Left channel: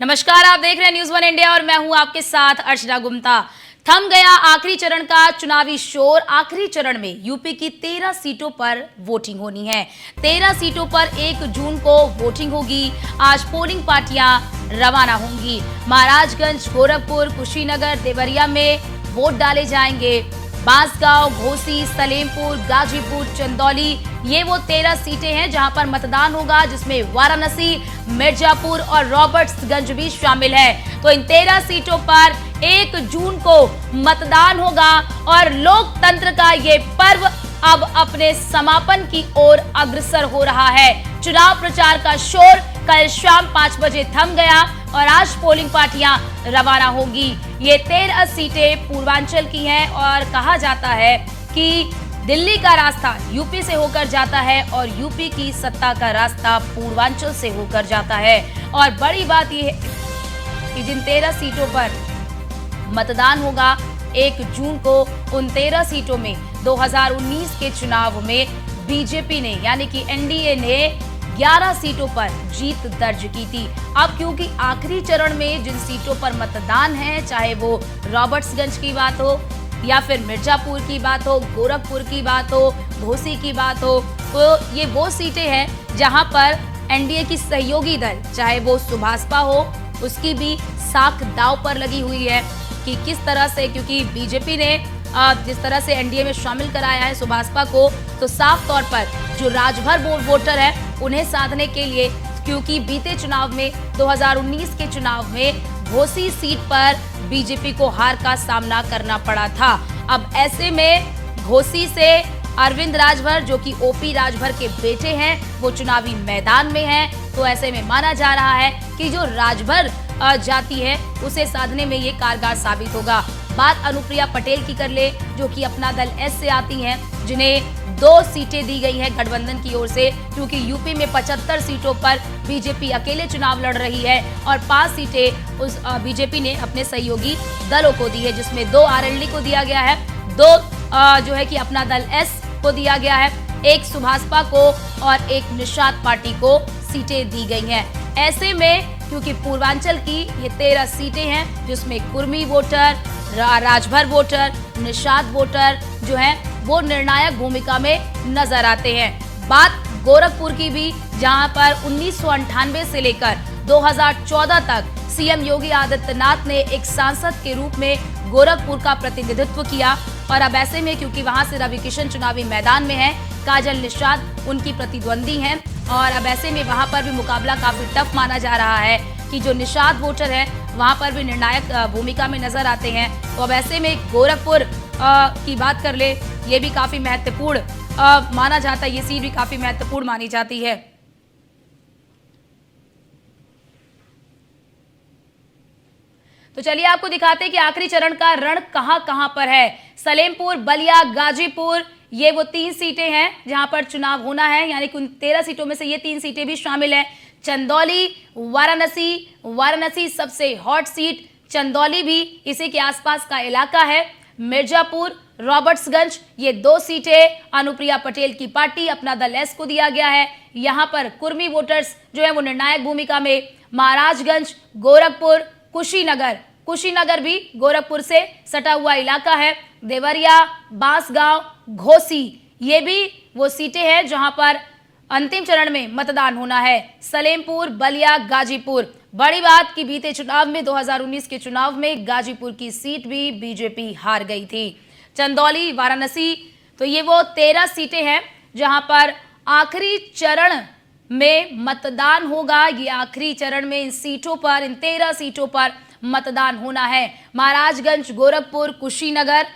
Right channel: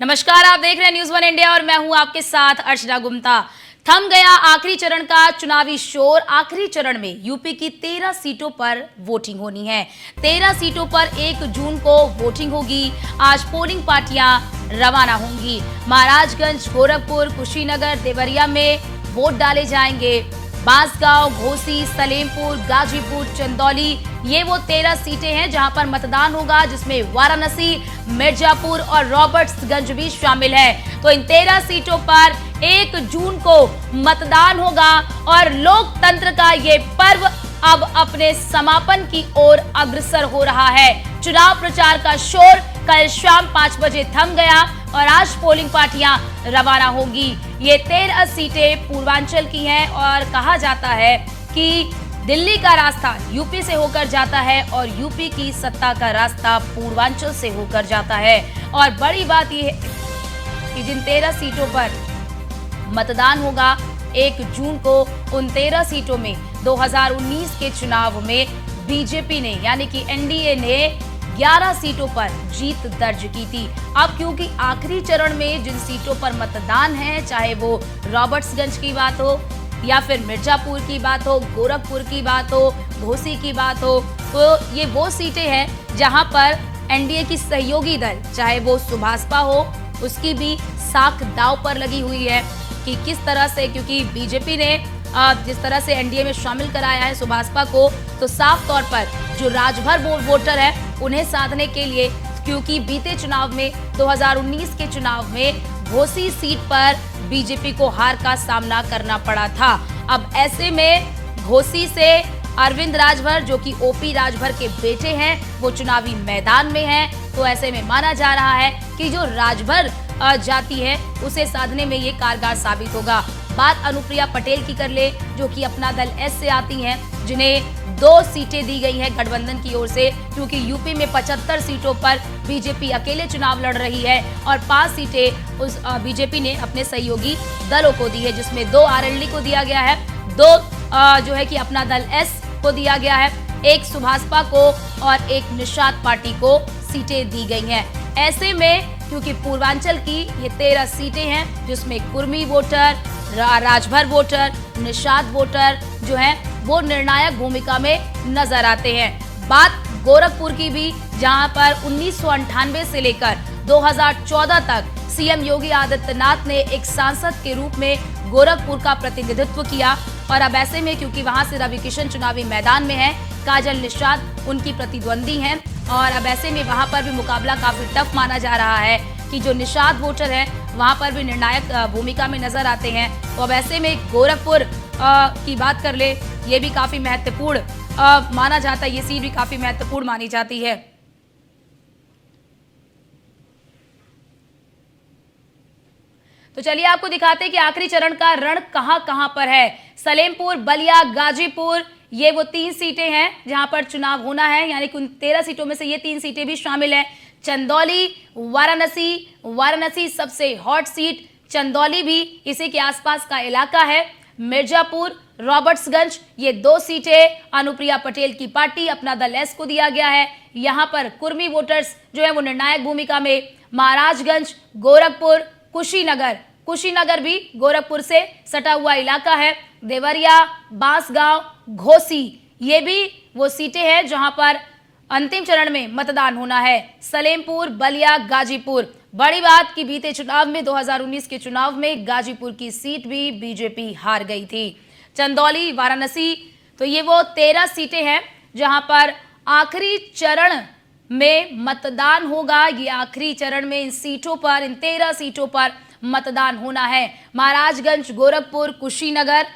नमस्कार, आप देख रहे हैं न्यूज़ वन इंडिया और मैं हूं आपके साथ अर्चना गुप्ता। थम गया आखिरी चरण का चुनावी शोर। आखिरी चरण में यूपी की 13 सीटों पर वोटिंग होनी है। 13 सीटों पर 1 जून को वोटिंग होगी। आज पोलिंग पार्टियां रवाना होंगी। महाराजगंज, गोरखपुर, कुशीनगर, देवरिया में वोट डाले जाएंगे। बांसगांव, घोसी, सलेमपुर, गाजीपुर, चंदौली, ये वो 13 सीटें हैं जहां पर मतदान होगा, जिसमें वाराणसी, मिर्जापुर और रॉबर्ट्सगंज भी शामिल है। तो इन 13 सीटों पर 1 जून को मतदान होगा और लोकतंत्र का ये पर्व अब अपने समापन की ओर अग्रसर हो रहा है। चुनाव प्रचार का शोर कल शाम 5 बजे थम गया और आज पोलिंग पार्टियां रवाना होगी। ये 13 सीटें पूर्वांचल की हैं और कहा जाता है कि दिल्ली का रास्ता यूपी से होकर जाता है और यूपी की सत्ता का रास्ता पूर्वांचल से होकर जाता है। और बड़ी बात यह है कि जिन 13 सीटों पर मतदान होगा 1 जून को, उन 13 सीटों में 2019 के चुनाव में बीजेपी ने यानी कि एनडीए ने 11 सीटों पर जीत दर्ज की थी। अब क्योंकि आखिरी चरण में जिन सीटों पर मतदान है, चाहे वो रॉबर्ट्सगंज की बात हो या फिर मिर्जापुर की बात हो, गोरखपुर की बात हो, घोसी की बात हो, तो ये वो सीटें हैं जहां पर एनडीए की सहयोगी दल, चाहे वो सुभासपा हो, उसकी भी साख दांव पर लगी हुई है कि किस तरह से, क्योंकि बीजेपी ने जिस तरह से एनडीए में शामिल कराया है सुभासपा को, तो साफ तौर पर जो राजभर वोटर है उन्हें साधने के लिए, क्योंकि बीते चुनाव में 2019 के चुनाव में घोसी सीट पर बीजेपी को हार का सामना करना पड़ा था। अब ऐसे में घोसी से अरविंद राजभर, जो कि ओपी राजभर के बेटे हैं, वो चुनावी मैदान में हैं। तो ऐसे में माना जा रहा है कि जो राजभर जाति है उसे साधने में ये कारगर साबित होगा। बात अनुप्रिया पटेल की कर ले, जो कि अपना दल एस से आती हैं, जिन्हें 2 सीटें दी गई हैं गठबंधन की ओर से, क्योंकि यूपी में 75 सीटों पर बीजेपी अकेले चुनाव लड़ रही है और 5 सीटें उस बीजेपी ने अपने सहयोगी दलों को दी है, जिसमें 2 आरएलडी को दिया गया है, 2 जो है कि अपना दल एस को दिया गया है, 1 सुभासपा को और 1 निषाद पार्टी को सीटें दी गई हैं। ऐसे में क्योंकि पूर्वांचल की ये 13 सीटें हैं, जिसमें Kurmi voter, Rajbhar voter, Nishad voter जो हैं वो निर्णायक भूमिका में नजर आते हैं। बात गोरखपुर की भी, जहां पर 1998 से लेकर 2014 तक सीएम योगी आदित्यनाथ ने एक सांसद के रूप में गोरखपुर का प्रतिनिधित्व किया और अब ऐसे में क्योंकि वहां से रवि किशन चुनावी मैदान में है, काजल निषाद उनकी प्रतिद्वंदी हैं और अब ऐसे में वहां पर भी मुकाबला काफी टफ माना जा रहा है कि जो निषाद वोटर है वहां पर भी निर्णायक भूमिका में नजर आते हैं। तो अब ऐसे में गोरखपुर की बात कर ले, ये भी काफी महत्वपूर्ण माना जाता है, ये सीट भी काफी महत्वपूर्ण मानी जाती है। तो चलिए आपको दिखाते हैं कि आखिरी चरण का रण कहां पर है। सलेमपुर, बलिया, गाजीपुर, ये वो 3 सीटें हैं जहां पर चुनाव होना है, यानी कि उन 13 सीटों में से ये 3 सीटें भी शामिल हैं। चंदौली, वाराणसी सबसे हॉट सीट, चंदौली भी इसी के आसपास का इलाका है। मिर्जापुर, रॉबर्ट्सगंज, ये 2 सीटें अनुप्रिया पटेल की पार्टी अपना दल एस को दिया गया है। यहाँ पर कुर्मी वोटर्स जो है वो निर्णायक भूमिका में। महाराजगंज, गोरखपुर, कुशीनगर भी गोरखपुर से सटा हुआ इलाका है। देवरिया, बांसगांव, घोसी, ये भी वो सीटें हैं जहां पर अंतिम चरण में मतदान होना है। सलेमपुर, बलिया, गाजीपुर, बड़ी बात कि बीते चुनाव में 2019 के चुनाव में गाजीपुर की सीट भी बीजेपी हार गई थी। चंदौली, वाराणसी, तो ये वो 13 सीटें हैं जहां पर आखिरी चरण में मतदान होगा। ये आखिरी चरण में इन सीटों पर, इन 13 सीटों पर मतदान होना है। महाराजगंज, गोरखपुर, कुशीनगर,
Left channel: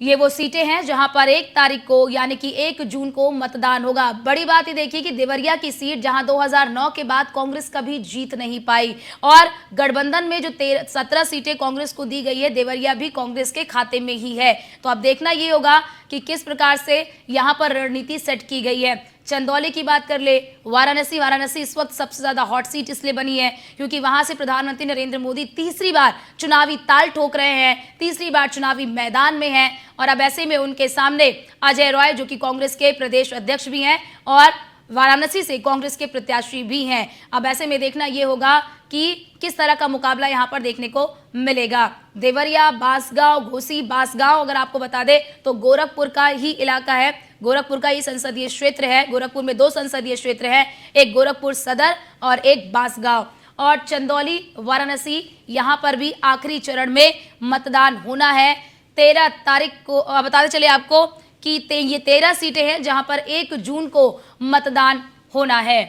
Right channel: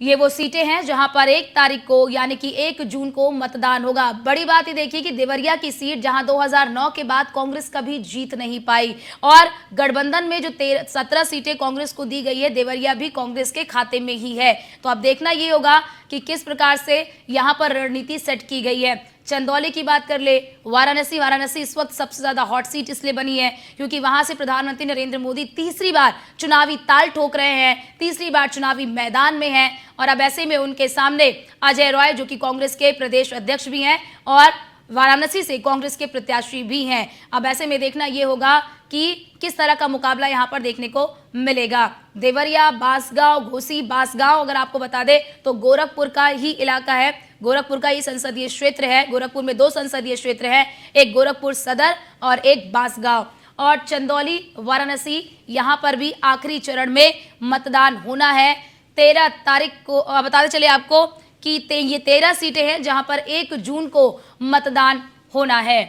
ये वो सीटें हैं जहां पर 1 तारीख को यानी कि 1 जून को मतदान होगा। बड़ी बात ये देखिए कि देवरिया की सीट, जहां 2009 के बाद कांग्रेस कभी जीत नहीं पाई और गठबंधन में जो 17 सीटें कांग्रेस को दी गई है, देवरिया भी कांग्रेस के खाते में ही है। तो अब देखना ये होगा कि किस प्रकार से यहां पर रणनीति सेट की गई है। चंदौली की बात कर ले, वाराणसी इस वक्त सबसे ज्यादा हॉट सीट इसलिए बनी है क्योंकि वहां से प्रधानमंत्री नरेंद्र मोदी तीसरी बार चुनावी ताल ठोक रहे हैं, तीसरी बार चुनावी मैदान में हैं और अब ऐसे में उनके सामने अजय रॉय, जो कि कांग्रेस के प्रदेश अध्यक्ष भी हैं और वाराणसी से कांग्रेस के प्रत्याशी भी हैं। अब ऐसे में देखना यह होगा कि किस तरह का मुकाबला यहाँ पर देखने को मिलेगा। देवरिया, बांसगांव, घोसी, बांसगांव अगर आपको बता दें तो गोरखपुर का ही इलाका है, गोरखपुर का ही संसदीय क्षेत्र है। गोरखपुर में 2 संसदीय क्षेत्र है, एक गोरखपुर सदर और एक बांसगांव। और चंदौली, वाराणसी, यहाँ पर भी आखिरी चरण में मतदान होना है 13 तारीख को। बताते चले आपको कि ये 13 सीटें हैं जहां पर 1 जून को मतदान होना है।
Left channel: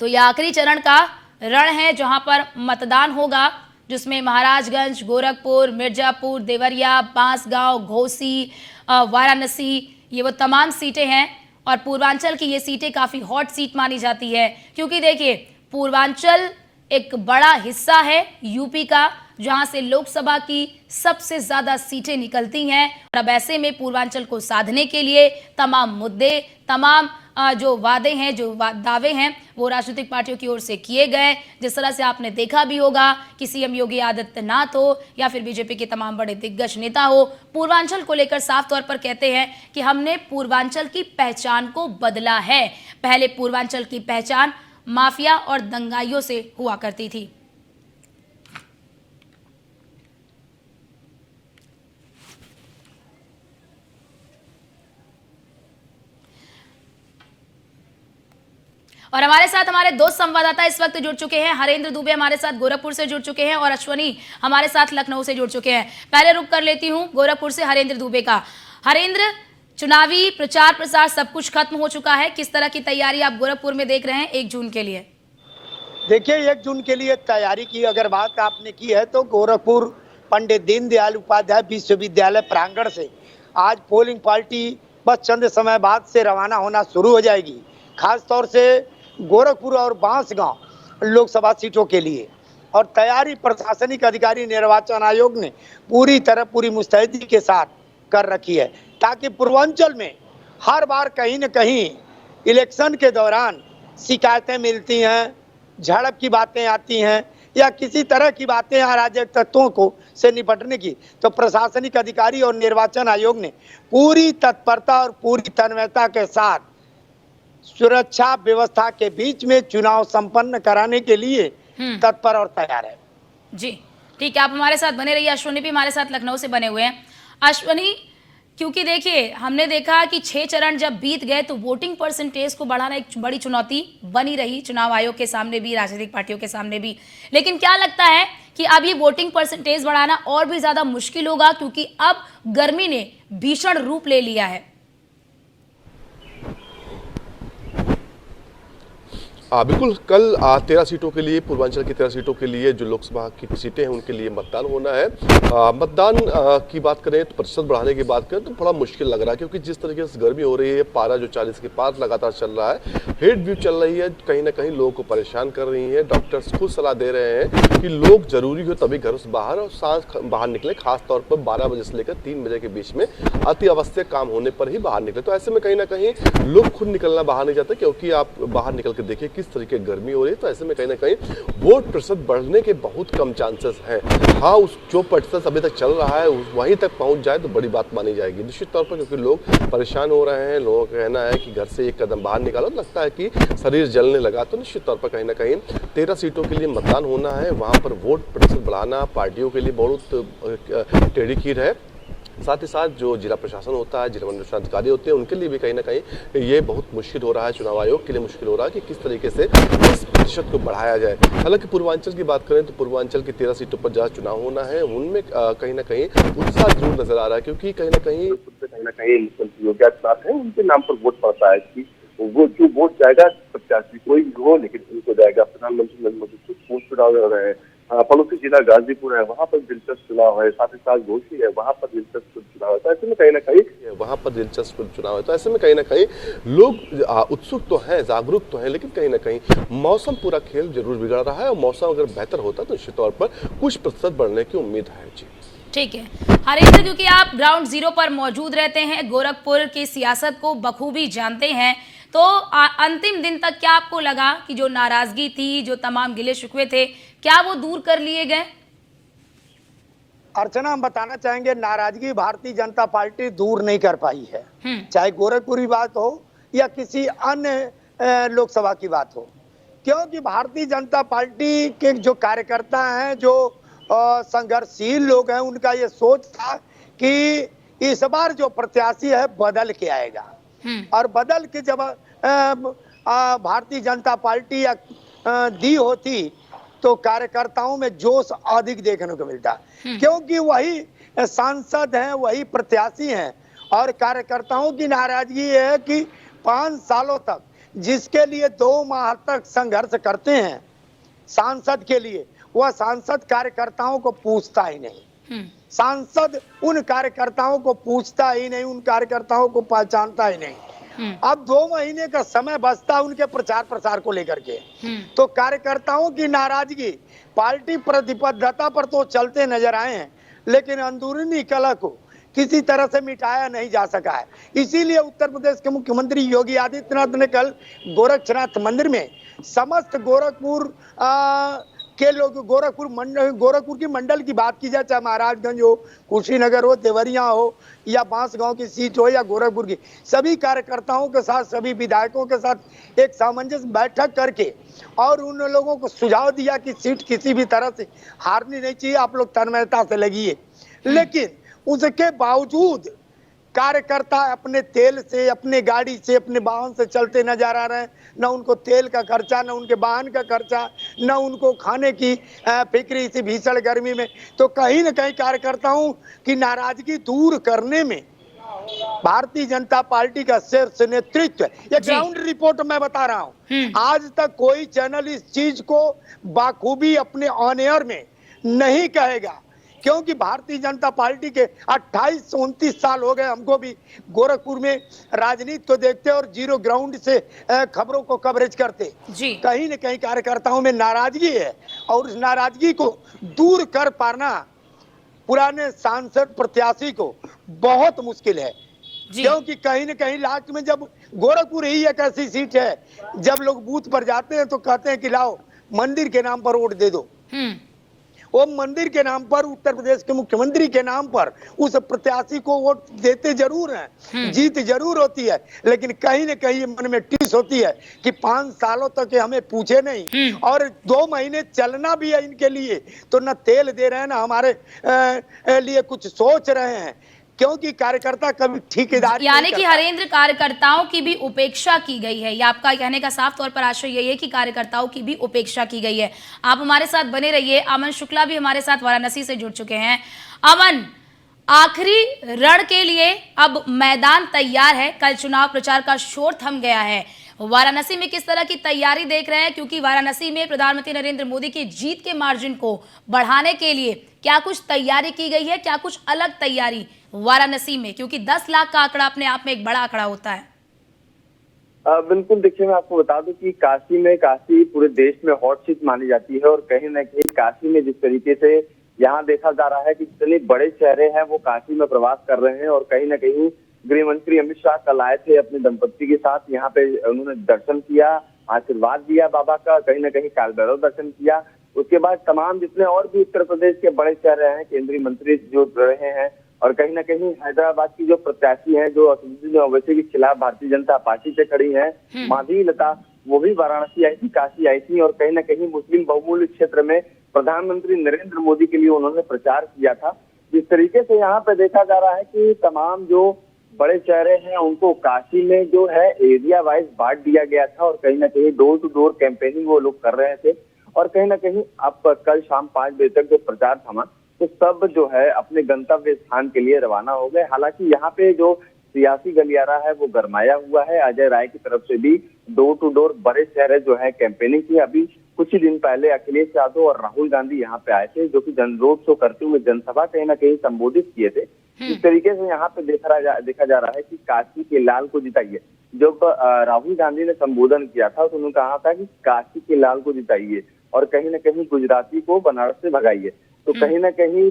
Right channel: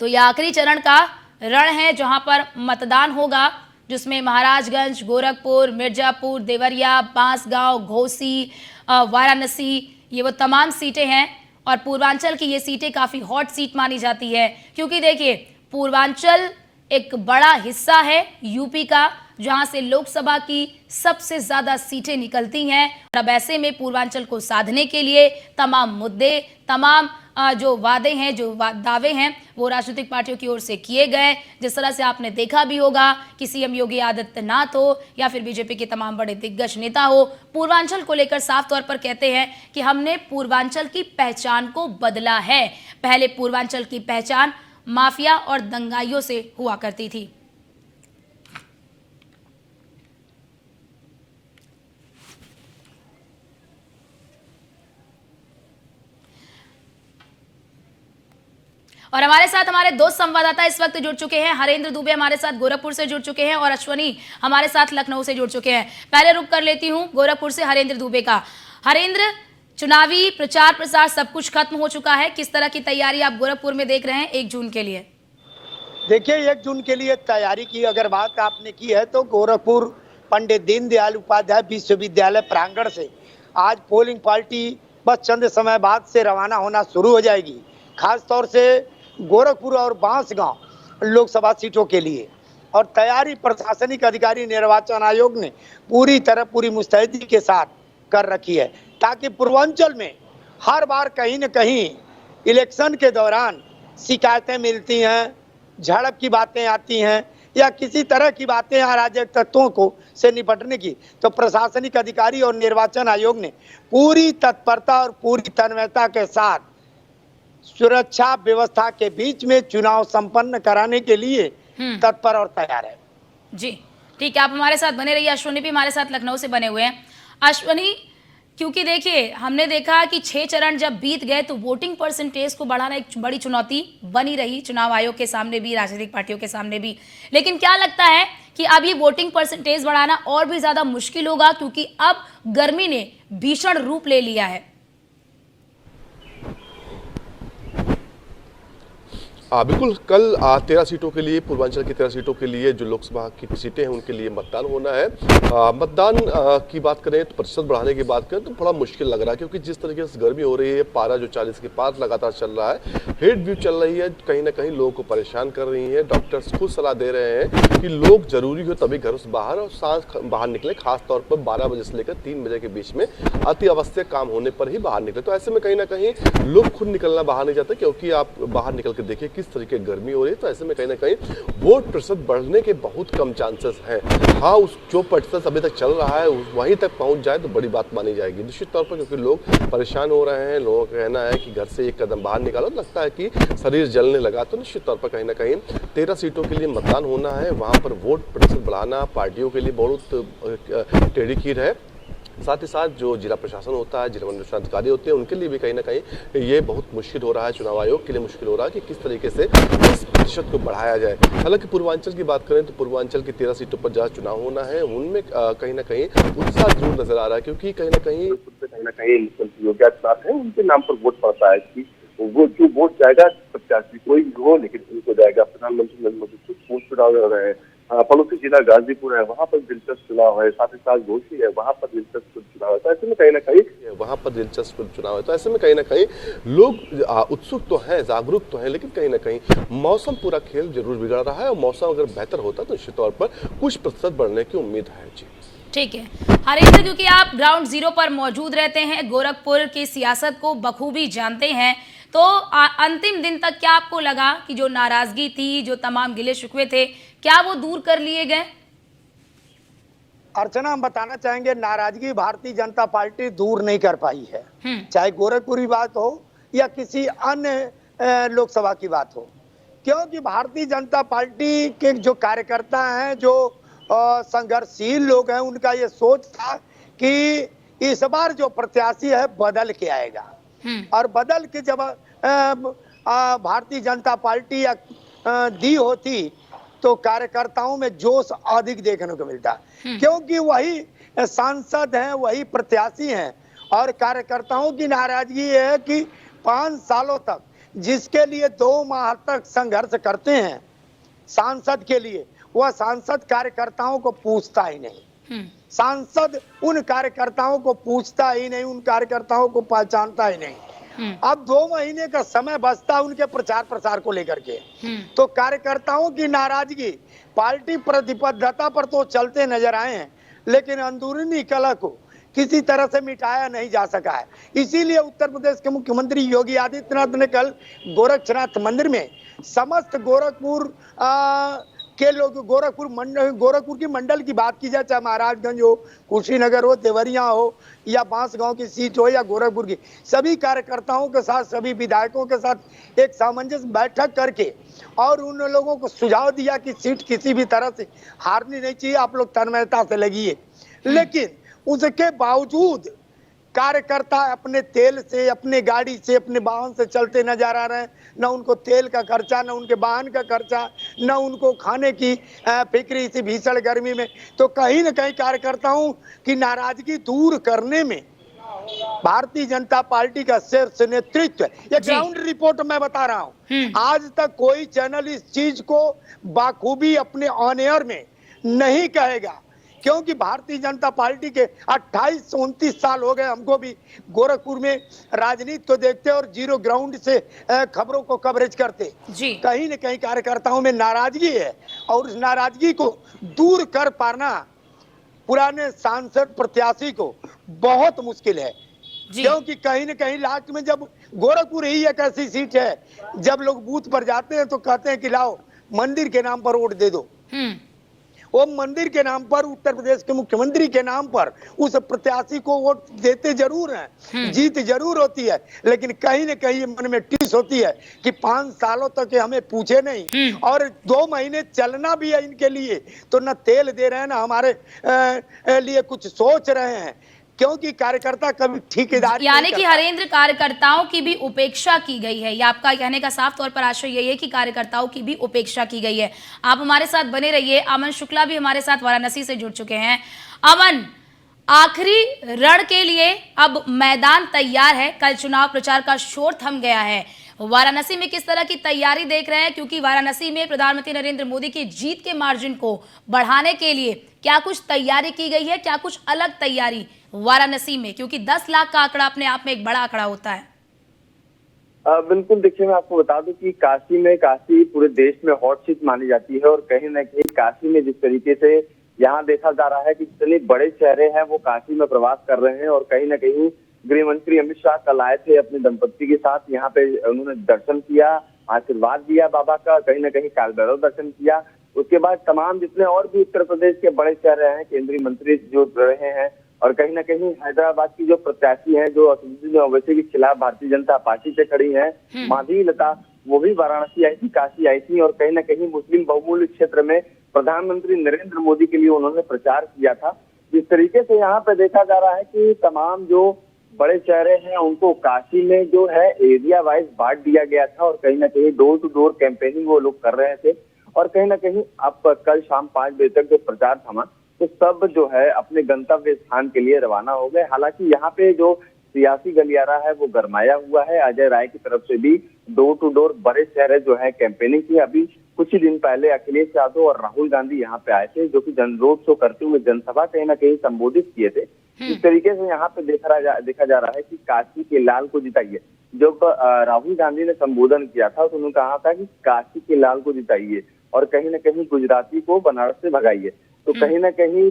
तो यह आखिरी चरण का रण है जहां पर मतदान होगा, जिसमें महाराजगंज, गोरखपुर, मिर्जापुर, देवरिया, बांसगांव, घोसी, वाराणसी, ये वो तमाम सीटें हैं। और पूर्वांचल की ये सीटें काफ़ी हॉट सीट मानी जाती है, क्योंकि देखिए पूर्वांचल एक बड़ा हिस्सा है यूपी का, जहां से लोकसभा की सबसे ज्यादा सीटें निकलती हैं। अब ऐसे में पूर्वांचल को साधने के लिए तमाम मुद्दे, तमाम जो वादे हैं, जो दावे हैं, वो राजनीतिक पार्टियों की ओर से किए गए। जिस तरह से आपने देखा भी होगा कि सीएम योगी आदित्यनाथ हो या फिर बीजेपी के तमाम बड़े दिग्गज नेता हो, पूर्वांचल को लेकर साफ तौर पर कहते हैं कि हमने पूर्वांचल की पहचान को बदला है। पहले पूर्वांचल की पहचान माफिया और दंगाइयों से हुआ करती थी। और हमारे साथ हमारे 2 संवाददाता इस वक्त जुड़ चुके हैं। हरेंद्र दुबे हमारे साथ गोरखपुर से जुड़ चुके हैं और अश्वनी हमारे साथ लखनऊ से जुड़ चुके हैं। पहले रुक कर लेती हूं गोरखपुर से हरेंद्र दुबे का। हरेंद्र, चुनावी प्रचार प्रसार सब कुछ खत्म हो चुका है, किस तरह की तैयारी आप गोरखपुर में देख रहे हैं 1 जून के लिए? देखिए, 1 जून के लिए तैयारी की अगर बात आपने की है तो गोरखपुर पंडित दीनदयाल उपाध्याय विश्वविद्यालय प्रांगण से आज पोलिंग पार्टी बस चंद समय बाद से रवाना होना शुरू हो जाएगी, खास तौर से गोरखपुर और बांसगांव लोकसभा सीटों के लिए। और तैयारी प्रशासनिक अधिकारी निर्वाचन आयोग ने पूरी मुस्तैदी के साथ कर रखी है, ताकि पूर्वांचल में हर बार कहीं न कहीं इलेक्शन के दौरान शिकायतें मिलती हैं, झड़प की बातें आती हैं या किसी तरह की बातें अराजक तत्वों को से निपटने की, तो प्रशासनिक अधिकारी और निर्वाचन आयोग ने पूरी तत्परता और पूरी तन्मयता के साथ सुरक्षा व्यवस्था के बीच में चुनाव संपन्न कराने के लिए तत्पर और तैयार है। जी ठीक है, आप हमारे साथ बने रहिए। अश्वनी भी हमारे साथ लखनऊ से बने हुए हैं। अश्वनी, क्योंकि देखिए हमने देखा कि 6 चरण जब बीत गए तो वोटिंग परसेंटेज को बढ़ाना एक बड़ी चुनौती बनी रही चुनाव आयोग के सामने भी, राजनीतिक पार्टियों के सामने भी। लेकिन क्या लगता है कि अब ये वोटिंग परसेंटेज बढ़ाना और भी ज्यादा मुश्किल होगा, क्योंकि अब गर्मी ने भीषण रूप ले लिया है? बिल्कुल, कल 13 सीटों के लिए, पूर्वांचल की 13 सीटों के लिए जो लोकसभा की सीटें हैं उनके लिए मतदान होना है। मतदान की बात करें तो प्रतिशत बढ़ाने की बात करें तो बड़ा मुश्किल लग रहा है, क्योंकि जिस तरीके से गर्मी हो रही है, पारा जो 40 के पार लगातार चल रहा है, हीट व्यू चल रही है, कहीं ना कहीं लोगों को परेशान कर रही है। डॉक्टर्स खुद सलाह दे रहे हैं कि लोग जरूरी हो तभी घर से बाहर और सांस बाहर निकले, खासतौर पर 12 बजे से लेकर 3 बजे के बीच में अति आवश्यक काम होने पर ही बाहर निकले। तो ऐसे में कहीं ना कहीं लोग खुद निकलना बाहर नहीं चाहते, क्योंकि आप बाहर निकल के देखिए किस तरीके गर्मी हो रही है। तो ऐसे में कहीं ना कहीं वोट प्रतिशत बढ़ने के बहुत कम चांसेस हैं। हाँ, उस जो प्रतिशत अभी तक चल रहा है वहीं तक पहुंच जाए तो बड़ी बात मानी जाएगी निश्चित तौर पर, क्योंकि लोग परेशान हो रहे हैं। लोगों का कहना है कि घर से एक कदम बाहर निकालो तो लगता है कि शरीर जलने लगा। तो निश्चित तौर पर कहीं ना कहीं 13 सीटों के लिए मतदान होना है, वहां पर वोट प्रतिशत बढ़ाना पार्टियों के लिए बहुत टेढ़ी खीर है। साथ ही साथ जो जिला प्रशासन होता है, जिला मनोरंजन अधिकारी होते हैं, उनके लिए भी कहीं ना कहीं ये बहुत मुश्किल हो रहा है, चुनाव आयोग के लिए मुश्किल हो रहा है कि किस तरीके से इस प्रतिशत को बढ़ाया जाए। हालांकि पूर्वांचल की बात करें तो पूर्वांचल की 13 सीटों पर जहाँ चुनाव होना है उनमें कहीं ना कहीं उत्साह जरूर नजर आ रहा है, क्योंकि कहीं ना कहीं योगी आदित्यनाथ है, उनके नाम पर वोट पड़ता है कि वो जो वोट जाएगा प्रत्याशी कोई भी हो, लेकिन उनको जाएगा। प्रधानमंत्री नरेंद्र मोदी वो चुनाव लड़ रहे हैं, पड़ोसी जिला गाजीपुर है, वहां पर दिलचस्प चुनाव है, साथ ही साथ घोसी है, वहां पर दिलचस्प चुनाव है। तो ऐसे में कहीं ना कहीं वहां पर दिलचस्प चुनाव है। तो ऐसे में कहीं ना कहीं लोग उत्सुक तो हैं, जागरूक तो हैं, लेकिन कहीं ना कहीं मौसम पूरा खेल जरूर बिगड़ रहा है और मौसम अगर बेहतर होता तो निश्चित तौर पर कुछ प्रतिशत बढ़ने की उम्मीद है। जी ठीक है हरेंद्र, क्योंकि आप ग्राउंड जीरो पर मौजूद रहते हैं, गोरखपुर की सियासत को बखूबी जानते हैं, तो अंतिम दिन तक क्या आपको लगा कि जो नाराजगी थी, जो तमाम गिले शिकवे थे, क्या वो दूर कर लिए गए? अर्चना, हम बताना चाहेंगे नाराजगी भारतीय जनता पार्टी दूर नहीं कर पाई है, चाहे गोरखपुर की बात हो या किसी अन्य लोकसभा की बात हो, क्योंकि भारतीय जनता पार्टी के जो कार्यकर्ता हैं, जो संघर्षशील लोग हैं, उनका ये सोच था कि इस बार जो प्रत्याशी है बदल के आएगा और बदल के जब भारतीय जनता पार्टी दी होती तो कार्यकर्ताओं में जोश अधिक देखने को मिलता, क्योंकि वही सांसद हैं, वही प्रत्याशी हैं और कार्यकर्ताओं की नाराजगी है कि 5 सालों तक जिसके लिए 2 माह तक संघर्ष करते हैं सांसद के लिए, वह सांसद कार्यकर्ताओं को पूछता ही नहीं। सांसद उन कार्यकर्ताओं को पूछता ही नहीं, उन कार्यकर्ताओं को पहचानता ही नहीं। अब 2 महीने का समय बचता है उनके प्रचार प्रसार को लेकर के, तो कार्यकर्ताओं की नाराजगी पार्टी प्रतिबद्धता पर तो चलते नजर आए हैं, लेकिन अंदरूनी कलह को किसी तरह से मिटाया नहीं जा सका है। इसीलिए उत्तर प्रदेश के मुख्यमंत्री योगी आदित्यनाथ ने कल गोरक्षनाथ मंदिर में समस्त गोरखपुर के लोग, गोरखपुर की मंडल की बात की जाए, चाहे महाराजगंज हो, कुशीनगर हो, देवरिया हो या बांसगांव की सीट हो या गोरखपुर की, सभी कार्यकर्ताओं के साथ, सभी विधायकों के साथ एक सामंजस्य बैठक करके और उन लोगों को सुझाव दिया कि सीट किसी भी तरह से हारनी नहीं चाहिए, आप लोग तन्मयता से लगिए। लेकिन उसके बावजूद कार्यकर्ता अपने तेल से, अपने गाड़ी से, अपने वाहन से चलते नजर आ रहे हैं। न उनको तेल का खर्चा, न उनके वाहन का खर्चा, न उनको खाने की फिक्र इसी भीषण गर्मी में। तो कहीं न कहीं कार्यकर्ताओं की नाराजगी दूर करने में भारतीय जनता पार्टी का शीर्ष नेतृत्व, ये ग्राउंड रिपोर्ट मैं बता रहा हूँ, आज तक कोई चैनल इस चीज को बाखूबी अपने ऑन एयर में नहीं कहेगा, क्योंकि भारतीय जनता पार्टी के 28-29 साल हो गए हमको भी गोरखपुर में राजनीति को देखते और जीरो ग्राउंड से खबरों को कवरेज करते। कहीं न कहीं कार्यकर्ताओं में नाराजगी है और उस नाराजगी को दूर कर पाना पुराने सांसद प्रत्याशी को बहुत मुश्किल है, क्योंकि कहीं न कहीं लास्ट में जब गोरखपुर ही एक ऐसी सीट है, जब लोग बूथ पर जाते हैं तो कहते हैं कि लाओ मंदिर के नाम पर वोट दे दो। वो मंदिर के नाम पर, उत्तर प्रदेश के मुख्यमंत्री के नाम पर उस प्रत्याशी को वोट देते जरूर हैं, जीत जरूर होती है, लेकिन कहीं न कहीं मन में टीस होती है कि 5 सालों तक हमें पूछे नहीं और 2 महीने चलना भी है इनके लिए तो न तेल दे रहे हैं, न हमारे लिए कुछ सोच रहे हैं, क्योंकि कार्यकर्ता कभी ठेकेदारी, यानी कि हरेंद्र, कार्यकर्ताओं की भी उपेक्षा की गई है। ये आपका कहने का साफ तौर पर आशय यही है कि कार्यकर्ताओं की भी उपेक्षा की गई है। आप हमारे साथ बने रहिए। अमन शुक्ला भी हमारे साथ वाराणसी से जुड़ चुके हैं। अमन, आखिरी रण के लिए अब मैदान तैयार है, कल चुनाव प्रचार का शोर थम गया है। वाराणसी में किस तरह की तैयारी देख रहे हैं, क्योंकि वाराणसी में प्रधानमंत्री नरेंद्र मोदी की जीत के मार्जिन को बढ़ाने के लिए क्या कुछ तैयारी की गई है, क्या कुछ अलग तैयारी वाराणसी में, क्योंकि 10 लाख का आंकड़ा अपने आप में एक बड़ा आंकड़ा होता है। बिल्कुल, देखिए मैं आपको बता दूं कि काशी पूरे देश में हॉट सीट मानी जाती है और कहीं न कहीं काशी में जिस तरीके से यहाँ देखा जा रहा है कि जितने बड़े चेहरे हैं वो काशी में प्रवास कर रहे हैं और कहीं न कहीं गृह मंत्री अमित शाह कल आए थे अपनी दंपत्ति के साथ, यहाँ पे उन्होंने दर्शन किया, आशीर्वाद दिया बाबा का, कहीं न कहीं कालभैरव दर्शन किया। उसके बाद तमाम जितने और भी उत्तर प्रदेश के बड़े चेहरे हैं, केंद्रीय मंत्री जो रहे हैं और कहीं न कहीं हैदराबाद की जो प्रत्याशी हैं जो असदुद्दीन ओवैसी के खिलाफ भारतीय जनता पार्टी से खड़ी हैं, माधवी लता, वो भी वाराणसी आई थी, काशी आई थी और कहीं न कहीं मुस्लिम बहुमूल्य क्षेत्र में प्रधानमंत्री नरेंद्र मोदी के लिए उन्होंने प्रचार किया था। जिस तरीके से यहाँ पे देखा जा रहा है कि तमाम जो बड़े चेहरे हैं उनको काशी में जो है एरिया वाइज बांट दिया गया था और कहीं न कहीं डोर टू डोर कैंपेनिंग वो लोग कर रहे थे और कहीं न कहीं अब कल शाम 5 बजे तक जो प्रचार थमा तो सब जो है अपने गंतव्य स्थान के लिए रवाना हो गए। हालांकि यहाँ पे जो सियासी गलियारा है वो गरमाया हुआ है। अजय राय की तरफ से भी डोर टू डोर बड़े चेहरे जो है कैंपेनिंग की। अभी कुछ ही दिन पहले अखिलेश यादव और राहुल गांधी यहाँ पे आए थे, जो कि रोड शो करते हुए जनसभा कहीं ना कहीं संबोधित किए थे। इस तरीके से यहाँ पे देखा जा रहा है कि काशी के लाल को जिताइए। जब राहुल गांधी ने संबोधन किया था तो उन्होंने कहा था कि काशी के लाल को जिताइए और कहीं न कहीं गुजराती को बनारस से भगाइए। तो कहीं न कहीं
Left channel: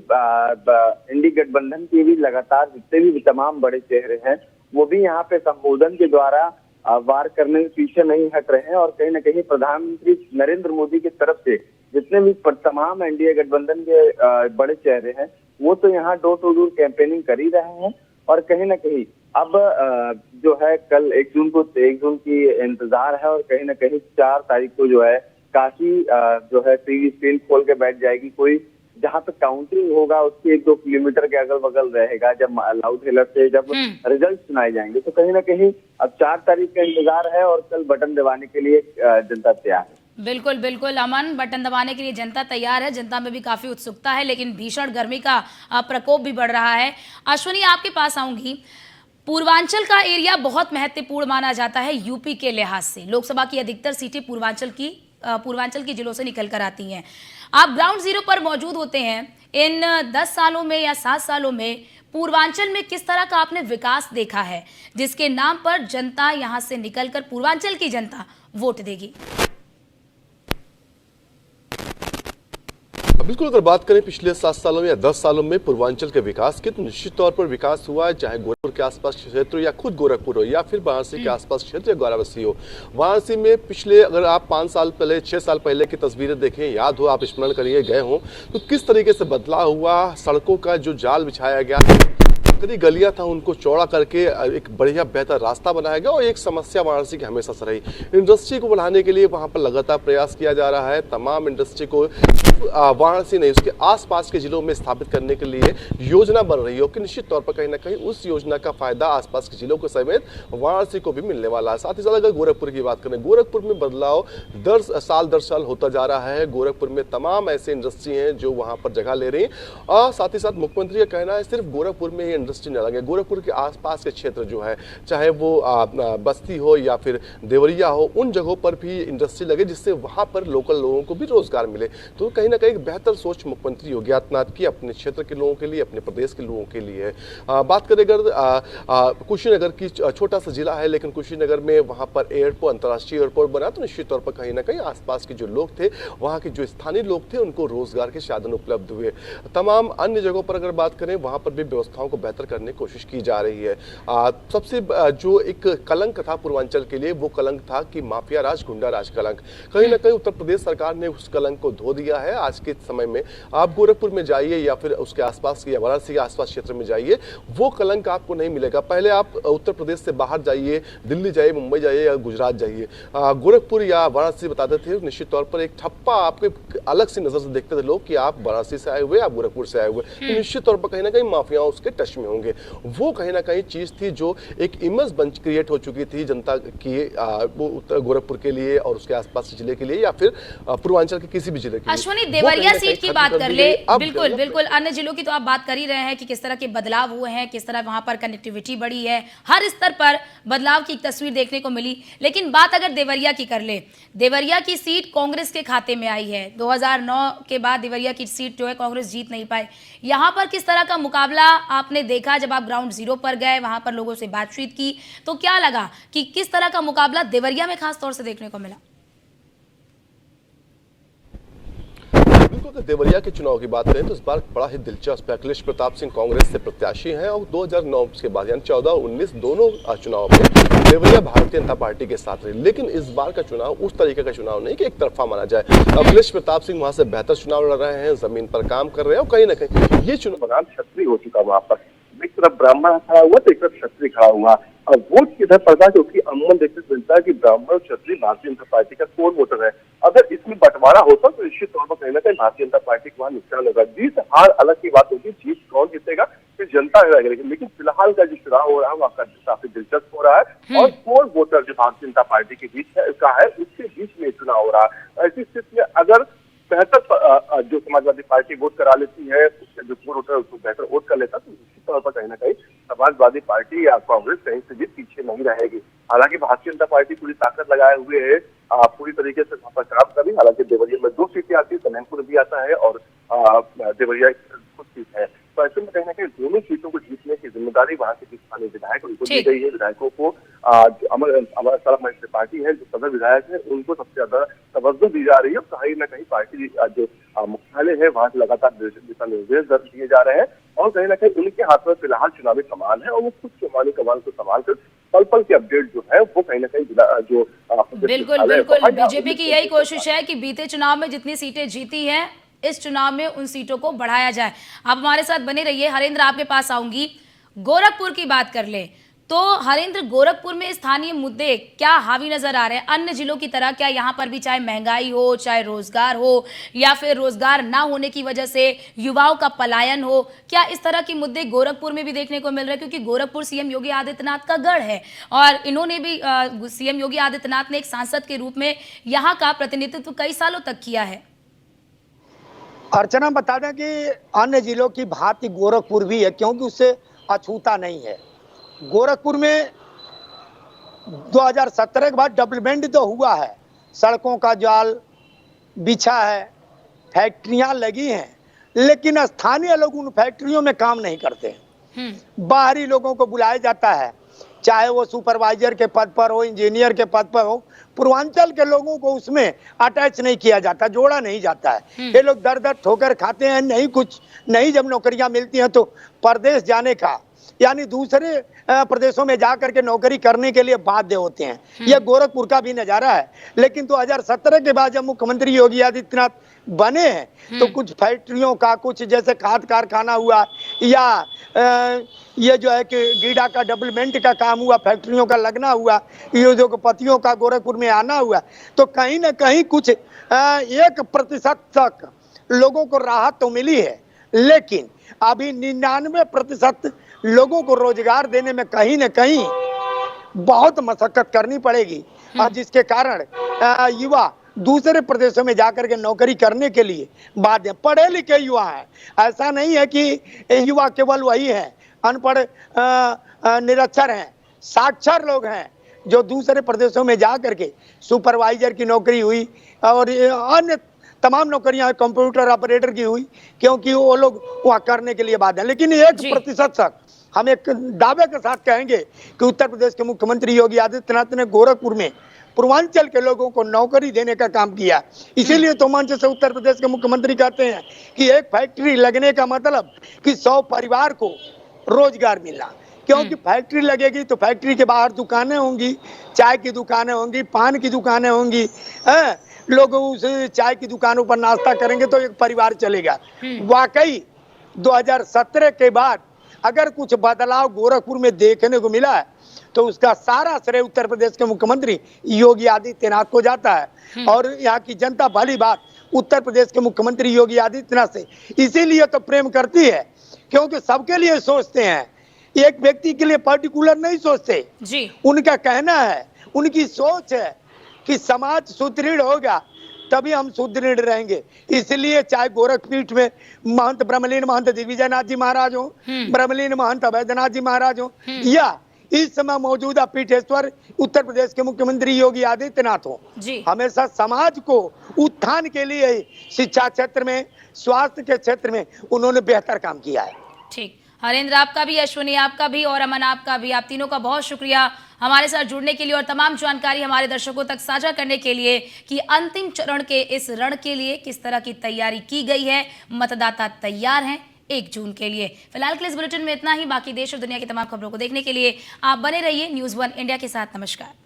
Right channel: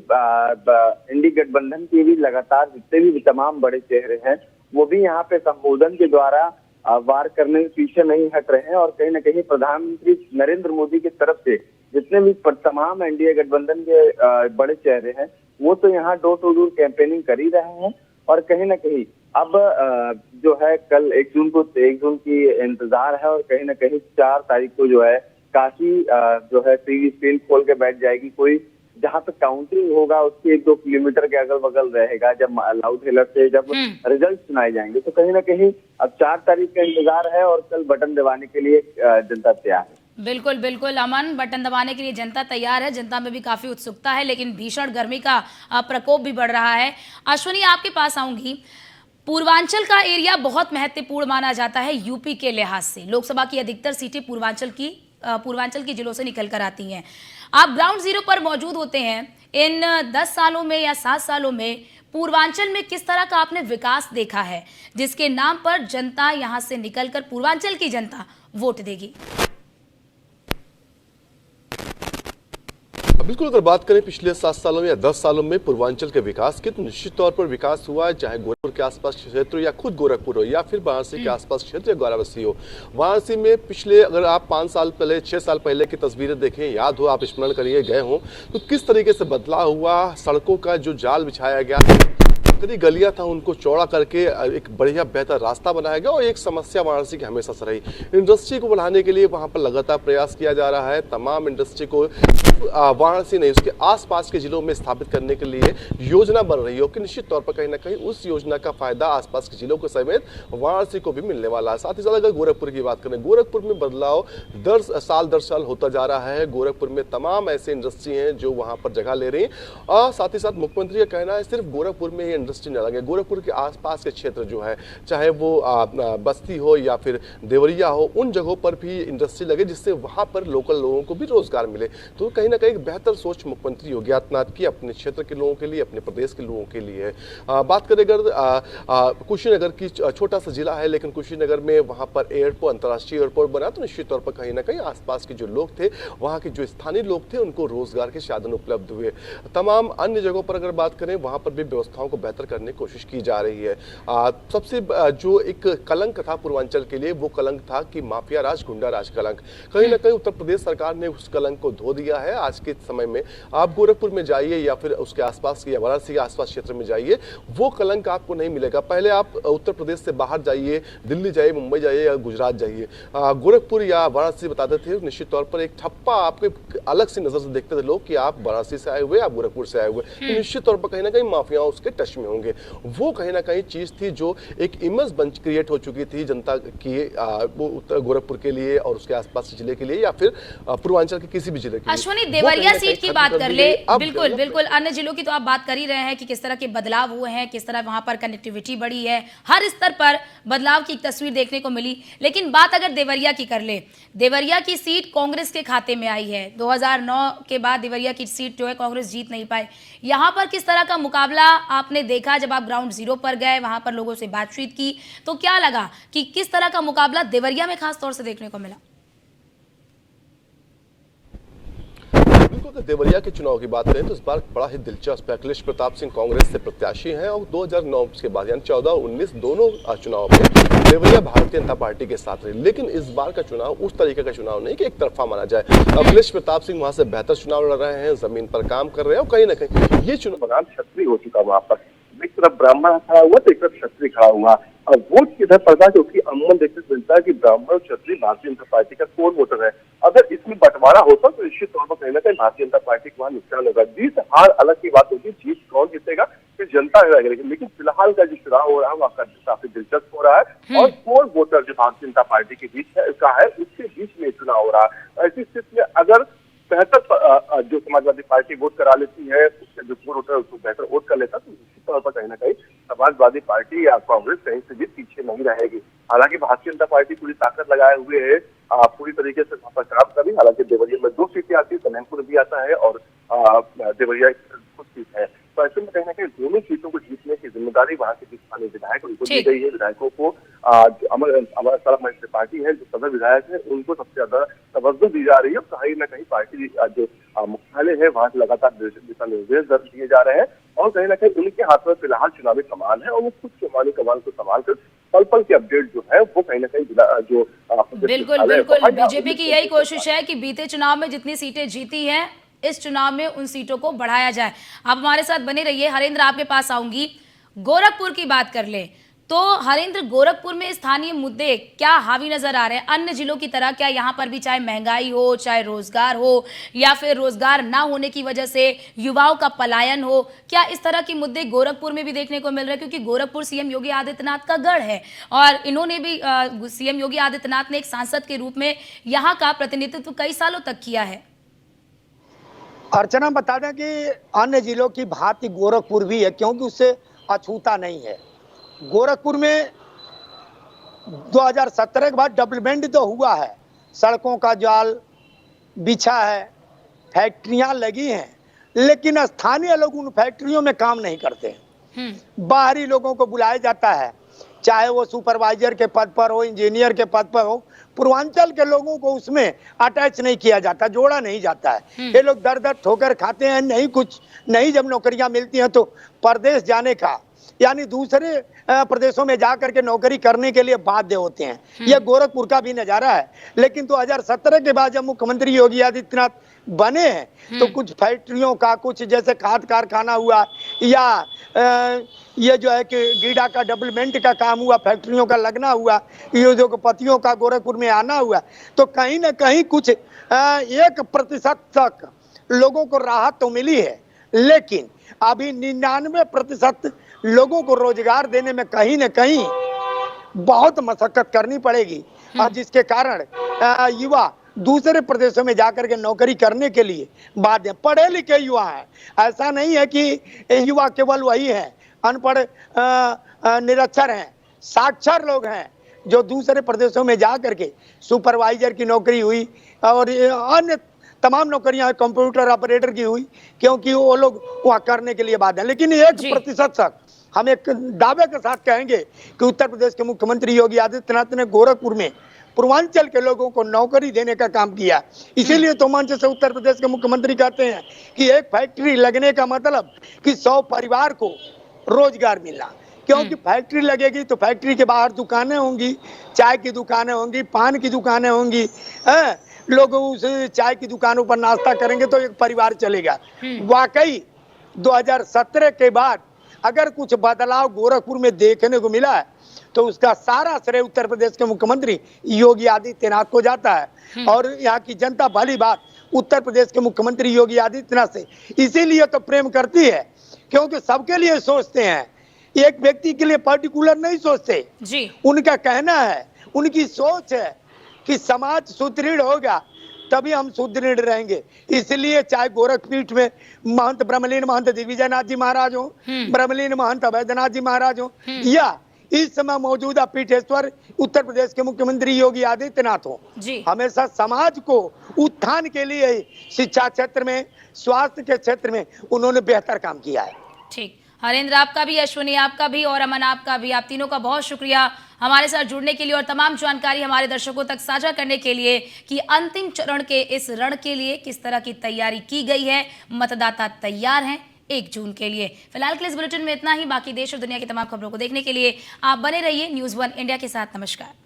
इंडी गठबंधन के भी लगातार जितने भी तमाम बड़े चेहरे हैं वो भी यहाँ पे संबोधन के द्वारा वार करने के पीछे नहीं हट रहे हैं और कहीं न कहीं प्रधानमंत्री नरेंद्र मोदी की तरफ से जितने भी तमाम एनडीए गठबंधन के बड़े चेहरे हैं वो तो यहाँ डोर टू डोर कैंपेनिंग कर ही रहे हैं और कहीं न कहीं अब जो है कल 1 जून की इंतजार है और कहीं ना कहीं 4 तारीख को जो है काशी जो है टीवी स्क्रीन खोल के बैठ जाएगी। कोई जहां तक काउंटिंग होगा उसके 1-2 किलोमीटर के अगल बगल रहेगा। जब लाउड हेलर से जब रिजल्ट सुनाए जाएंगे तो कहीं ना कहीं अब 4 तारीख का इंतजार है और कल बटन दबाने के लिए जनता तैयार है। बिल्कुल बिल्कुल अमन, बटन दबाने के लिए जनता तैयार है। जनता में भी काफी उत्सुकता है, लेकिन भीषण गर्मी का प्रकोप भी बढ़ रहा है। अश्विनी, आपके पास आऊंगी। पूर्वांचल का एरिया बहुत महत्वपूर्ण माना जाता है यूपी के लिहाज से। लोकसभा की अधिकतर सीटें पूर्वांचल की जिलों से निकल कर आती हैं। आप ग्राउंड जीरो पर मौजूद होते हैं। इन 10 सालों में या 7 सालों में पूर्वांचल में किस तरह का आपने विकास देखा है जिसके नाम पर जनता यहां से निकलकर पूर्वांचल की जनता वोट देगी? बिल्कुल, अगर बात करें पिछले 7 सालों में या 10 सालों में पूर्वांचल के विकास की, तो निश्चित तौर पर विकास हुआ है, चाहे गोरखपुर के आसपास क्षेत्र या खुद गोरखपुर हो या फिर वाराणसी के आसपास क्षेत्र या वाराणसी हो। वाराणसी में पिछले अगर आप 5 साल पहले 6 साल पहले की तस्वीरें देखें, याद हो, आप स्मरण करिए गए हो, तो किस तरीके से बदलाव हुआ। सड़कों का जो जाल बिछाया गया, जितनी गलियां था उनको चौड़ा करके एक बढ़िया बेहतर रास्ता बनाया गया। और एक समस्या वाराणसी की हमेशा से रही, इंडस्ट्री को बढ़ाने के लिए वहां पर लगातार प्रयास किया जा रहा है। तमाम इंडस्ट्री को वाराणसी नहीं उसके आसपास के जिलों में स्थापित करने के लिए योजना बन रही है कि निश्चित तौर पर कहीं ना कहीं उस योजना का फायदा आसपास के जिलों के समेत वाराणसी को भी मिलने वाला है। साथ ही साथ अगर गोरखपुर की बात करें, गोरखपुर में बदलाव दर साल होता जा रहा है। गोरखपुर में तमाम ऐसे इंडस्ट्री हैं जो वहां पर जगह ले रही हैं। और साथ ही साथ मुख्यमंत्री का कहना है सिर्फ गोरखपुर में इंडस्ट्री न लगे, गोरखपुर के आसपास के क्षेत्र जो है, चाहे वो बस्ती हो या फिर देवरिया हो, उन जगहों पर भी इंडस्ट्री लगे जिससे वहां पर लोकल लोगों को भी रोजगार मिले। तो कहीं ना कहीं एक बेहतर सोच मुख्यमंत्री योगी आदित्यनाथ की अपने क्षेत्र के लोगों के लिए, अपने प्रदेश के लोगों के लिए है। बात करें अगर कुशीनगर की, छोटा सा जिला है लेकिन कुशीनगर में वहां पर एयरपोर्ट, अंतर्राष्ट्रीय एयरपोर्ट बना, तो निश्चित तौर पर कहीं ना कहीं आसपास के जो लोग थे, वहां के जो स्थानीय लोग थे, उनको रोजगार के साधन उपलब्ध हुए। तमाम अन्य जगहों पर अगर बात करें, वहां पर भी व्यवस्थाओं को बेहतर करने की कोशिश की जा रही है। सबसे जो एक कलंक था पूर्वांचल के लिए, वो कलंक था कि माफिया राज, गुंडा राज कलंक। कहीं ना कहीं उत्तर प्रदेश सरकार ने उस कलंक को धो दिया है। आज के समय में आप गोरखपुर में जाइए या फिर उसके आसपास या वाराणसी के आसपास क्षेत्र में जाइए, वो कलंक आपको नहीं मिलेगा। पहले आप उत्तर प्रदेश से बाहर जाइए, दिल्ली जाइए, मुंबई जाइए या गुजरात जाइए, गोरखपुर या वाराणसी बताते थे, निश्चित तौर पर एक ठप्पा आपके अलग सी नजर से देखते थे लोग कि आप वाराणसी से आए हुए, आप गोरखपुर से आए हुए। तो निश्चित तौर पर कहीं ना कहीं माफियाओं उसके टच में होंगे। वो कहीं ना कहीं चीज थी जो एक इमेज बन क्रिएट हो चुकी थी जनता की, वो उत्तर गोरखपुर के लिए और उसके आसपास जिले के लिए या फिर पूर्वांचल के किसी भी जिले के लिए। अश्विनी, देवरिया सीट की बात कर ले। बिल्कुल बिल्कुल, अन्य जिलों की तो आप बात कर ही रहे हैं कि किस तरह के बदलाव हुए हैं, किस तरह वहां पर कनेक्टिविटी बढ़ी है, हर स्तर पर बदलाव की तस्वीर देखने को मिली। लेकिन बात अगर देवरिया की कर ले, देवरिया की सीट कांग्रेस के खाते में आई है। 2009 के बाद देवरिया की सीट जो है कांग्रेस जीत नहीं पाई। यहाँ पर किस तरह का मुकाबला आपने देखा जब आप ग्राउंड जीरो पर गए, वहां पर लोगों से बातचीत की, तो क्या लगा कि किस तरह का मुकाबला देवरिया में खास तौर से देखने को मिला? बिल्कुल, अगर देवरिया के चुनाव की बात करें तो इस बार बड़ा ही दिलचस्प है। अखिलेश प्रताप सिंह कांग्रेस से प्रत्याशी हैं और 2009 के बाद यानी 14 और 19 दोनों चुनाव में देवरिया भारतीय जनता पार्टी के साथ रही। लेकिन इस बार का चुनाव उस तरीके का चुनाव नहीं कि एक तरफा माना जाए। अखिलेश प्रताप सिंह वहां से बेहतर चुनाव लड़ रहे हैं, जमीन पर काम कर रहे हैं और कहीं ना कहीं ये चुनाव क्षत्रिय हो चुका वहां पर। एक तरफ ब्राह्मण खड़ा हुआ तो एक तरफ क्षत्रिय खड़ा हुआ। और वोट किधर पड़ता है क्योंकि अमूमन देखने को मिलता है कि ब्राह्मण और क्षत्रिय भारतीय जनता पार्टी का कोर वोटर है। अगर इसमें बंटवारा होता तो निश्चित तौर पर कहीं ना कहीं भारतीय जनता पार्टी को वहां नुकसान होगा। जीत हार अलग की बात होगी, जीत कौन जीतेगा फिर जनता रहेगी। लेकिन फिलहाल का जो चुनाव हो रहा है वहाँ काफी दिलचस्प हो रहा है और कोर वोटर जो भारतीय जनता पार्टी के बीच है उसके बीच में चुनाव हो रहा है। ऐसी स्थिति में अगर बेहतर जो समाजवादी पार्टी वोट करा लेती है, उसके जो वोटर है उसको बेहतर वोट कर लेता, तो निश्चित तौर पर कहीं ना कहीं समाजवादी पार्टी या कांग्रेस कहीं से भी पीछे नहीं रहेगी। हालांकि भारतीय जनता पार्टी पूरी ताकत लगाए हुए है, पूरी तरीके से वहां पर काम कर रही। हालांकि देवरिया में 2 सीटें आती है, कल्याणपुर भी आता है और देवरिया खुद सीट है। तो ऐसे में कहीं ना कहीं दोनों सीटों को जीतने की जिम्मेदारी वहां के स्थानीय विधायक उनको दी गई है। विधायकों को जो अमर सड़क मंच पार्टी है, जो सदर विधायक है, उनको सबसे ज्यादा तवज्जो दी जा रही है। कहीं ना कहीं पार्टी जो मुख्यालय है वहां से लगातार दिशा निर्देश दिए जा रहे हैं और कहीं ना कहीं उनके हाथ में फिलहाल चुनावी कमान है और वो खुद चुनावी कमान को संभाल कर पल पल के अपडेट जो है वो कहीं ना कहीं जो बिल्कुल बिल्कुल, बीजेपी की यही कोशिश है कि बीते चुनाव में जितनी सीटें जीती हैं, इस चुनाव में उन सीटों को बढ़ाया जाए। आप हमारे साथ बने रहिए। हरेंद्र, आपके पास आऊंगी। गोरखपुर की बात कर ले। तो हरेंद्र, गोरखपुर में स्थानीय मुद्दे क्या हावी नजर आ रहे हैं अन्य जिलों की तरह? क्या यहाँ पर भी चाहे महंगाई हो, चाहे रोजगार हो, या फिर रोजगार ना होने की वजह से युवाओं का पलायन हो, क्या इस तरह के मुद्दे गोरखपुर में भी देखने को मिल रहे हैं? क्योंकि गोरखपुर सीएम योगी आदित्यनाथ का गढ़ है और इन्होंने भी सीएम योगी आदित्यनाथ ने एक सांसद के रूप में यहाँ का प्रतिनिधित्व कई सालों तक किया है। अर्चना, बता दें कि अन्य जिलों की भांति गोरखपुर भी है, क्योंकि उससे अछूता नहीं है। गोरखपुर में 2017 के बाद डेवलपमेंट तो हुआ है, सड़कों का जाल बिछा है, फैक्ट्रियां लगी हैं, लेकिन स्थानीय लोग उन फैक्ट्रियों में काम नहीं करते हैं। बाहरी लोगों को बुलाया जाता है, चाहे वो सुपरवाइजर के पद पर हो, इंजीनियर के पद पर हो। पूर्वांचल के लोगों को उसमें अटैच नहीं किया जाता, जोड़ा नहीं जाता है। ये लोग दर दर ठोकर खाते हैं, नहीं जब नौकरियां मिलती हैं तो परदेश जाने का, यानी दूसरे प्रदेशों में जाकर के नौकरी करने के लिए बाध्य होते हैं। यह गोरखपुर का भी नजारा है। लेकिन 2017 के बाद जब मुख्यमंत्री योगी आदित्यनाथ बने हैं तो कुछ फैक्ट्रियों का, कुछ जैसे खाद कारखाना हुआ, या ये जो है कि गीडा का डेवलपमेंट का काम हुआ, फैक्ट्रियों का लगना हुआ, उद्योगपतियों का गोरखपुर में आना हुआ, तो कहीं ना कहीं कुछ 1% तक लोगों को राहत तो मिली है, लेकिन अभी 99% लोगों को रोजगार देने में कहीं न कहीं बहुत मशक्कत करनी पड़ेगी, और जिसके कारण युवा दूसरे प्रदेशों में जाकर के नौकरी करने के लिए बाध्य। पढ़े लिखे युवा हैं, ऐसा नहीं है कि युवा केवल वही है अनपढ़ निरक्षर हैं, साक्षर लोग हैं जो दूसरे प्रदेशों में जाकर के सुपरवाइजर की नौकरी हुई और अन्य तमाम नौकरियां कंप्यूटर ऑपरेटर की हुई, क्योंकि वो लोग वहाँ करने के लिए बाध्य हैं। लेकिन 1% तक हम एक दावे के साथ कहेंगे कि उत्तर प्रदेश के मुख्यमंत्री योगी आदित्यनाथ ने गोरखपुर में पूर्वांचल के लोगों को नौकरी देने का काम किया। इसीलिए तो मंच से उत्तर प्रदेश के मुख्यमंत्री कहते हैं कि एक फैक्ट्री लगने का मतलब कि 100 परिवार को रोजगार मिलना, क्योंकि फैक्ट्री लगेगी तो फैक्ट्री के बाहर दुकानें होंगी, चाय की दुकानें होंगी, पान की दुकानें होंगी, लोग उस चाय की दुकानों पर नाश्ता करेंगे तो एक परिवार चलेगा। वाकई 2017 के बाद अगर कुछ बदलाव गोरखपुर में देखने को मिला है तो उसका सारा श्रेय उत्तर प्रदेश के मुख्यमंत्री योगी आदित्यनाथ को जाता है। और यहाँ की जनता भली बात उत्तर प्रदेश के मुख्यमंत्री योगी आदित्यनाथ से इसीलिए तो प्रेम करती है, क्योंकि सबके लिए सोचते हैं, एक व्यक्ति के लिए पर्टिकुलर नहीं सोचते जी। उनका कहना है, उनकी सोच है कि समाज सुदृढ़ होगा तभी हम सुदृढ़ रहेंगे। इसलिए चाहे गोरखपीठ में महंत ब्रह्मलीन महंत दिग्विजयनाथ जी महाराज हो, ब्रह्मलीन महंत अवैधनाथ जी महाराज हो, या इस समय मौजूदा पीठेश्वर उत्तर प्रदेश के मुख्यमंत्री योगी आदित्यनाथ हो, हमेशा समाज को उत्थान के लिए शिक्षा क्षेत्र में, स्वास्थ्य के क्षेत्र में उन्होंने बेहतर काम किया है। ठीक, हरेंद्र आपका भी, अश्विनी आपका भी और अमन आपका भी, आप तीनों का बहुत शुक्रिया हमारे साथ जुड़ने के लिए और तमाम जानकारी हमारे दर्शकों तक साझा करने के लिए कि अंतिम चरण के इस रण के लिए किस तरह की तैयारी की गई है। मतदाता तैयार हैं 1 जून के लिए। फिलहाल के इस बुलेटिन में इतना ही। बाकी देश और दुनिया की तमाम खबरों को देखने के लिए आप बने रहिए न्यूज़ 1 इंडिया के साथ। नमस्कार।